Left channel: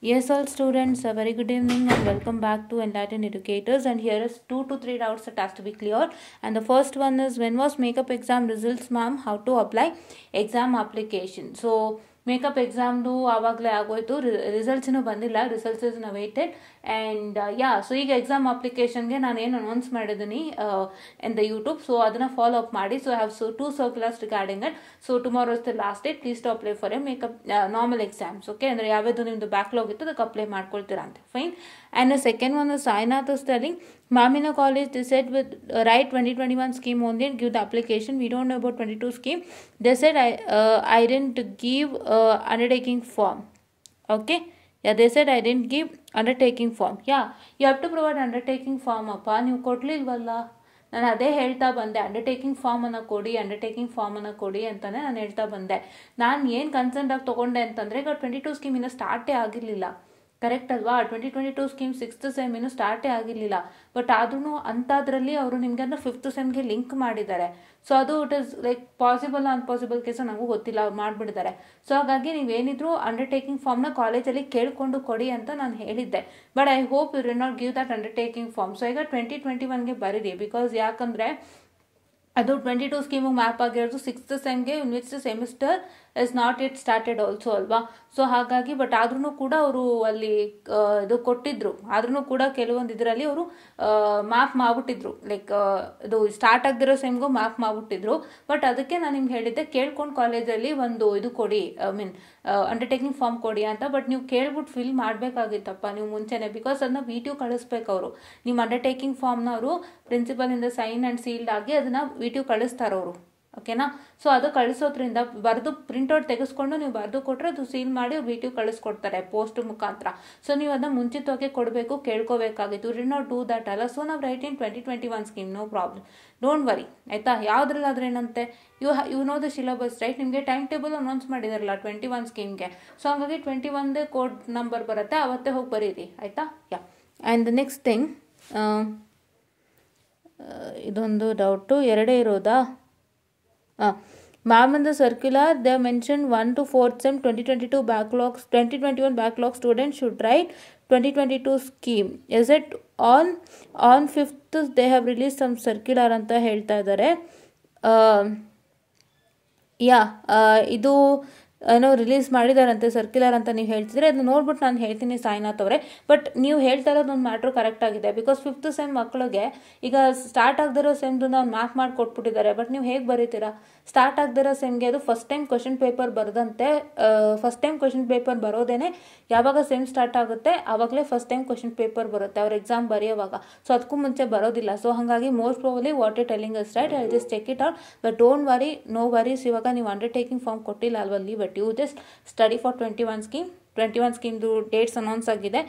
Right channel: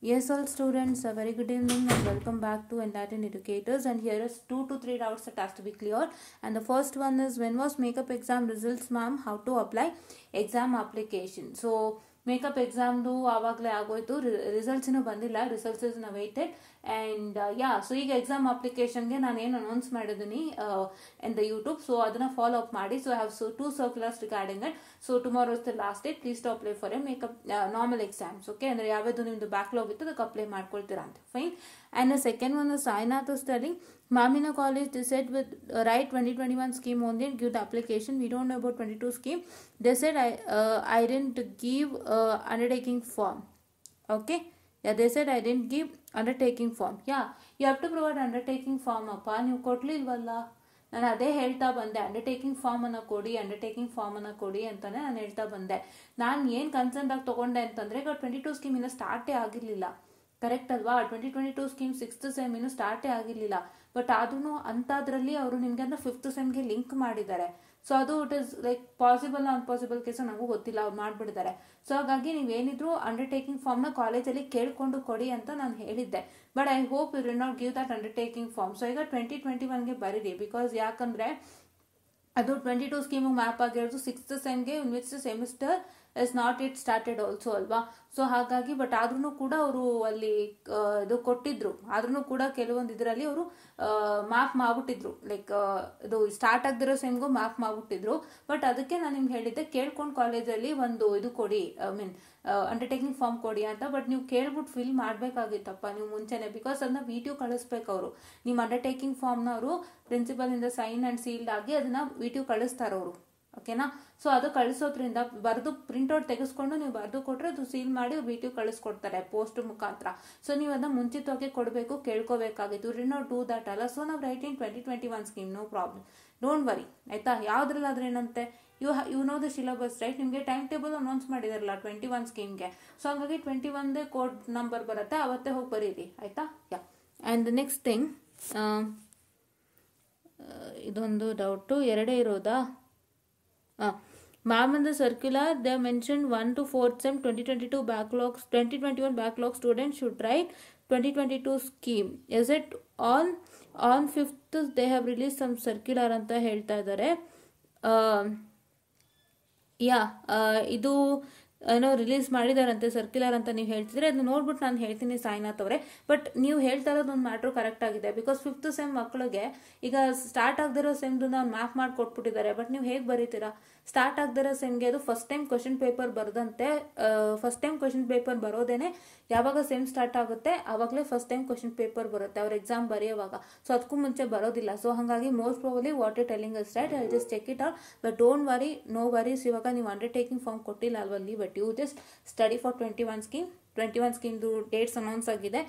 Yes, all students, a very good evening and welcome back to Enlightened Educators. And here is 2 to 3 doubts that has to be cleared. And the first one is, when was makeup exam results, ma'am? How to apply exam application? So makeup ಎಕ್ಸಾಮ್ದು ಆವಾಗಲೇ ಆಗೋಯ್ತು, ರಿಸಲ್ಟ್ಸಿನೂ ಬಂದಿಲ್ಲ, results is waited. And so ಈಗ exam ಅಪ್ಲಿಕೇಶನ್ಗೆ ನಾನು ಏನು announce ಮಾಡಿದ್ದೀನಿ ಇನ್ ದ ಯೂಟ್ಯೂಬ್, ಸೊ ಅದನ್ನು ಫಾಲೋ ಅಪ್ ಮಾಡಿ. So I have 2 circulars regarding it. So tomorrow is the last date, please to apply for a makeup normal exams. Okay, ಅಂದರೆ ಯಾವ್ದು ನಿಮ್ಮದು ಬ್ಯಾಕ್ಲಾಗ್ ಇತ್ತು ಅದಕ್ಕೆ ಅಪ್ಲೈ ಮಾಡ್ಕೊಳ್ತೀರಾ ಅಂತ. Fine. And the second one Sainath is telling, Mamina College, they said with write 2021 scheme only and give the application. We don't know about 22 scheme. They said I didn't give undertaking form. Okay. Yeah, they said I didn't give undertaking form. Yeah, you have to provide undertaking form. Appa, ನೀವು ಕೊಡ್ಲಿಲ್ವಲ್ಲ. ನಾನು ಅದೇ ಹೇಳ್ತಾ ಬಂದೆ, undertaking ಫಾರ್ಮನ್ನು ಕೊಡಿ ಅಂತಾನೆ ನಾನು ಹೇಳ್ತಾ ಬಂದೆ. ನಾನು ಏನು ಕನ್ಸರ್ನ್ ಆಗಿ ತೊಗೊಂಡೆ ಅಂತಂದರೆ, ಈಗ 22 ಸ್ಕೀಮ್ ಇನ್ನೂ ಸ್ಟಾರ್ಟೇ ಆಗಿರಲಿಲ್ಲ, ಕರೆಕ್ಟ್ ಅಲ್ವಾ? 2022 ಸ್ಕೀಮ್ 6th ಸೆಮ್ ಇನ್ನೂ ಸ್ಟಾರ್ಟೇ ಆಗಿರಲಿಲ್ಲ. ಬಟ್ ಆದ್ರೂ ಅಂಥದ್ರಲ್ಲಿ ಅವರು ನಿಮಗೆ ಅಂದರೆ 5th ಸೆಮ್ಗೆ ಲಿಂಕ್ ಮಾಡಿದ್ದಾರೆ. ಸೊ ಅದು it is like possible unpossible case ನನಗೂ ಗೊತ್ತಿಲ್ಲ, ಅವ್ರು ಮಾಡಿಬಿಡ್ತಾರೆ. ಸೊ ಹಾಗಾಗಿ ನೀವೇನಿದ್ರು ಅಂಡರ್ಟೇಕಿಂಗ್ ಫಾರ್ಮ್ನ ಕಾಲೇಜಲ್ಲಿ ಕೇಳಿಕೊಂಡು ಕೊಡಿ ಅಂತ ನಾನು ಹೇಳಿದ್ದೆ. But I hope you will not give that undertaking form. So ಈಗ 2021ಗೆ ಬರೀರಿ, ಬಿಕಾಸ್ ಯಾಕಂದರೆ ಅದು 22 ಸ್ಕೀಮಿಗೆ ಮ್ಯಾಪ್ ಆಗಿರೋದು 6th ಸೆಮ್ಗೆ, in which semester is not it started also ಅಲ್ವಾ. ಸೊ ಹಾಗಾಗಿ ಬಟ್ ಆದ್ರೂ ಕೂಡ ಅವರು ಅಲ್ಲಿ ಇದು ಕೊಟ್ಟಿದ್ರು, ಆದ್ರೂ ಕೂಡ ಕೆಲವೊಂದು ಇದರಲ್ಲಿ ಅವರು ಮ್ಯಾಪ್ ಮಾಡ್ಬಿಟ್ಟಿದ್ರು, ಲೈಕ್ ಇದು ಸ್ಟಾರ್ಟ್ ಆಗದಿರೋ ಸೆಮ್ಗೂ ಮ್ಯಾಪ್ ಮಾಡ್ಬಿಟ್ಟಿದ್ರು. ಬಟ್ ಅದಕ್ಕೆ ನಾನು ನಿಮ್ಗೆ ಹೇಳಿದ್ದೆ, ಕೇಳ್ಕೊಂಡು ಕಾಲೇಜಲ್ಲಿ ಒಂದು ಇದು ಕೊಡಿ, ಐ ಮೀನ್ ಅಂಡರ್ಟೇಕಿಂಗ್ ಫಾರ್ಮ್ ಕೊಡಿ ಅಂತ. ಬಟ್ ನೀವು ಕೇಳ್ಬಿಟ್ಟು ಫಿಲ್ ಮಾಡಬೇಕಾಗಿತ್ತಪ್ಪ ನೀವು ಮುಂಚೆನೆ, ಬಿಕಾಸ್ ಅದನ್ನ VTU ಕಳಿಸ್ಬೇಕು ಅವರು. ನಿಮ್ಮ ಅಂಡರ್ಟೇಕಿಂಗ್ ಫಾರ್ಮ್ನ ಅವರು ಪ್ರಿನ್ಸಿಪಲ್ ಇಂದ ಸೈನ್ ಆ್ಯಂಡ್ ಸೀಲ್ಡ್ ಆಗಿ ಅದನ್ನ VTU ಕಳಿಸ್ತಾರವರು. ಓಕೆನಾ? ಸೊ ಅದು ಕಳಿಸೋದ್ರಿಂದ ಬರೆದು ಪ್ರಿಂಟ್ಔಟ್ ತೆಗೆಸ್ಕೊಂಡು ನೀವು ಬರೆದು ಕೊಟ್ಟರೆ ಅದು ಸೀಲ್ ಮಾಡಿ ಅವ್ರು VTU ಕಳಿಸ್ಕೊಡ್ತಾರೆ ಪೋಸ್ಟ್ ಮುಖಾಂತರ. ಸೊ ನೀವು ಅದನ್ನ ಮುಂಚಿತವಾಗಿ ಕೊಡಬೇಕು, ಕೇಳ್ಕೋಬೇಕಾಗಿತ್ತು. ಡಿ ನಾಟ್ ಡೂ ದಟ್ ಅಲ್ಲ. ಸೊ ನಾವು right in 2021 scheme, no problem, don't worry ಆಯ್ತಾ. ಯಾವ್ದ್ರಲ್ಲಾದ್ರೆ ಏನಂತೆ, you know the syllabus right. ನಿಮಗೆ ಟೈಮ್ ಟೇಬಲ್ ಅನೌನ್ಸ್ ಮಾಡಿದಾರಲ್ಲ 21 ಸ್ಕೀಮ್ಗೆ. ಸೊ ಹಾಗಾಗಿ 21ದೇ ಕೋಡ್ ನಂಬರ್ ಬರುತ್ತೆ, ಅವತ್ತೇ ಹೋಗಿ ಬರೀರಿ ಆಯ್ತಾ. ಯಾ. ಆ್ಯಂಡ್ ದ ನೆಕ್ಸ್ಟ್ ಥಿಂಗ್, ಇದೊಂದು ಡೌಟು ಎರಡೇ ಇರೋದಾ? Ma'am, in the circular they mentioned 1 to 4th sem 2021 backlog students should write 2022 scheme. Is it on 5th they have released some circular ಅಂತ ಹೇಳ್ತಾ ಇದ್ದಾರೆ. ಇದು ಏನೋ ರಿಲೀಸ್ ಮಾಡಿದಾರಂತೆ ಸರ್ಕ್ಯುಲರ್ ಅಂತ ನೀವು ಹೇಳ್ತಿದ್ರೆ, ಅದನ್ನ ನೋಡ್ಬಿಟ್ಟು ನಾನು ಹೇಳ್ತೀನಿ ಸಾಯಿನಾಥ್ ಅವರೇ. ಬಟ್ ನೀವು ಹೇಳ್ತಾ ಇರೋದು ಒಂದು ಮ್ಯಾಟ್ರ್ ಕರೆಕ್ಟ್ ಆಗಿದೆ. ಬಿಕಾಸ್ 5th ಸೆಮ್ ಮಕ್ಕಳಿಗೆ ಈಗ ಸ್ಟಾರ್ಟ್ ಆಗದಿರೋ ಸೆಮ್ದು ನಾವು ಮ್ಯಾಪ್ ಮಾಡಿ ಕೊಟ್ಬಿಟ್ಟಿದ್ದಾರೆ. ಬಟ್ ನೀವು ಹೇಗೆ ಬರೀತೀರಾ? ಸ್ಟಾರ್ಟ್ ಆಗದಿರೋ ಸೆಮ್ಗೆ ಅದು ಫಸ್ಟ್ ಟೈಮ್ ಕ್ವಶನ್ ಪೇಪರ್ ಬರೆದಂತೆ, ಫಸ್ಟ್ ಟೈಮ್ ಕ್ವಶನ್ ಪೇಪರ್ ಬರೋದೇನೆ ಯಾವಾಗ ಸೆಮ್ ಸ್ಟಾರ್ಟ್ ಆಗುತ್ತೆ ಆವಾಗಲೇ ಫಸ್ಟ್ ಟೈಮ್ ಕ್ವಶನ್ ಪೇಪರ್ ಬರುತ್ತೆ ಅವ್ರ ಎಕ್ಸಾಮ್ ಬರೆಯೋವಾಗ. ಸೊ ಅದಕ್ಕೂ ಮುಂಚೆ ಬರೋದಿಲ್ಲ. ಸೊ ಹಾಗಾಗಿ most probably what you telling is right, I just check it out. But don't worry, no worries. ಇವಾಗ ನೀವು ಅಂಡರ್ಟೇಕಿಂಗ್ ಫಾರ್ಮ್ ಕೊಟ್ಟಿಲ್ಲ ಅಲ್ವಾ, leave it. You just study for 21 ಸ್ಕೀಮ್ದು ಡೇಟ್ಸ್ ಅನೌನ್ಸ್ ಆಗಿದೆ.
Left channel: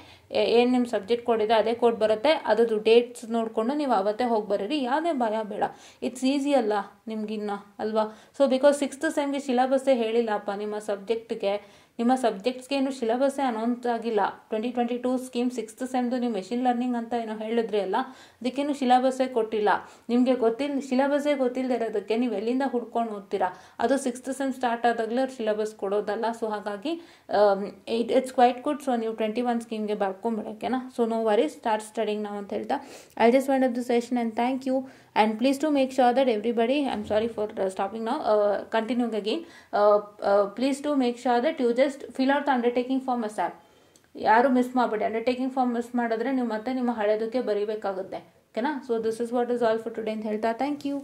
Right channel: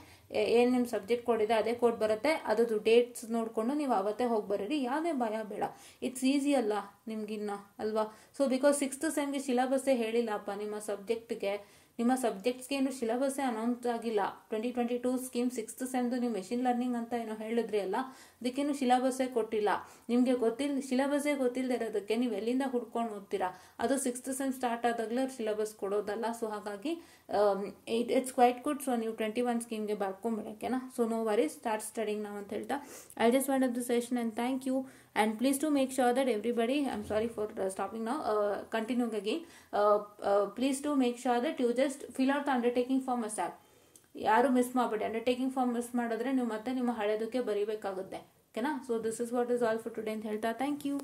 ಏನು ನಿಮ್ಮ ಸಬ್ಜೆಕ್ಟ್ ಕೋಡ್ ಇದೆ ಅದೇ ಕೋಡ್ ಬರುತ್ತೆ, ಅದ್ರದ್ದು ಡೇಟ್ಸ್ ನೋಡಿಕೊಂಡು ನೀವು ಅವತ್ತೇ ಹೋಗಿ ಬರೀರಿ. ಯಾವುದೇ ಭಯ ಬೇಡ, ಇಟ್ಸ್ ಈಸಿ ಅಲ್ಲ ನಿಮ್ಗಿನ್ನ ಅಲ್ವಾ. ಸೊ ಬಿಕಾಸ್ 6th ಸೆಮ್ಗೆ ಸಿಲೆಬಸ್ಸೇ ಹೇಳಿಲ್ಲಪ್ಪ ನಿಮ್ಮ ಸಬ್ಜೆಕ್ಟ್ಗೆ. ನಿಮ್ಮ ಸಬ್ಜೆಕ್ಟ್ಸ್ಗೆ ಏನು ಸಿಲೆಬಸ್ಸೇ ಅನೌನ್ಸ್ ಆಗಿಲ್ಲ. 2022 ಸ್ಕೀಮ್ 6th ಸೆಮ್ದು ನೀವು ಮೆಷಿನ್ ಲರ್ನಿಂಗ್ ಅಂತ ಏನೋ ಹೇಳಿದ್ರಿ ಅಲ್ಲ, ಅದಕ್ಕೇನು ಸಿಲೆಬಸ್ಸೇ ಕೊಟ್ಟಿಲ್ಲ. ನಿಮಗೆ ಸಿಲೆಬಸ್ಸೇ ಗೊತ್ತಿಲ್ಲದೆ ಇರೋದಕ್ಕೆ ನೀವು ಎಲ್ಲಿಂದ ಹುಡ್ಕೊಂಡು ಓದ್ತೀರಾ? ಅದು 6th ಸೆಮ್ ಸ್ಟಾರ್ಟ್ ಆದಾಗಲೇ ಅವ್ರು ಸಿಲೆಬಸ್ ಕೊಡೋದಲ್ಲ. ಸೊ ಹಾಗಾಗಿ ಇಟ್ಸ್ ಕ್ವೈಟ್ ಗುಡ್. ಸೊ ನೀವು 21 ಸ್ಕೀಮ್ಗೆ ಬರ್ಕೊಂಬಿಡೋಕೆನಾ. So no worries, start studying ನಾವು ಅಂತ ಹೇಳ್ತಾ I just wind up the session and thank you. And please do make sure that everybody, I'm sorry for stopping now, continuing again, please do make sure that you just fill out the undertaking form asap. ಯಾರು miss ಮಾಡಬೇಡಿ. Undertaking form miss ಮಾಡಿದ್ರೆ ನೀವು ಮತ್ತೆ ನಿಮ್ಮ ಹಳೆದಕ್ಕೆ ಬರೀಬೇಕಾಗುತ್ತೆ. ಓಕೆನಾ. So this is what is all for today ಅಂತ ಹೇಳ್ತಾ thank you.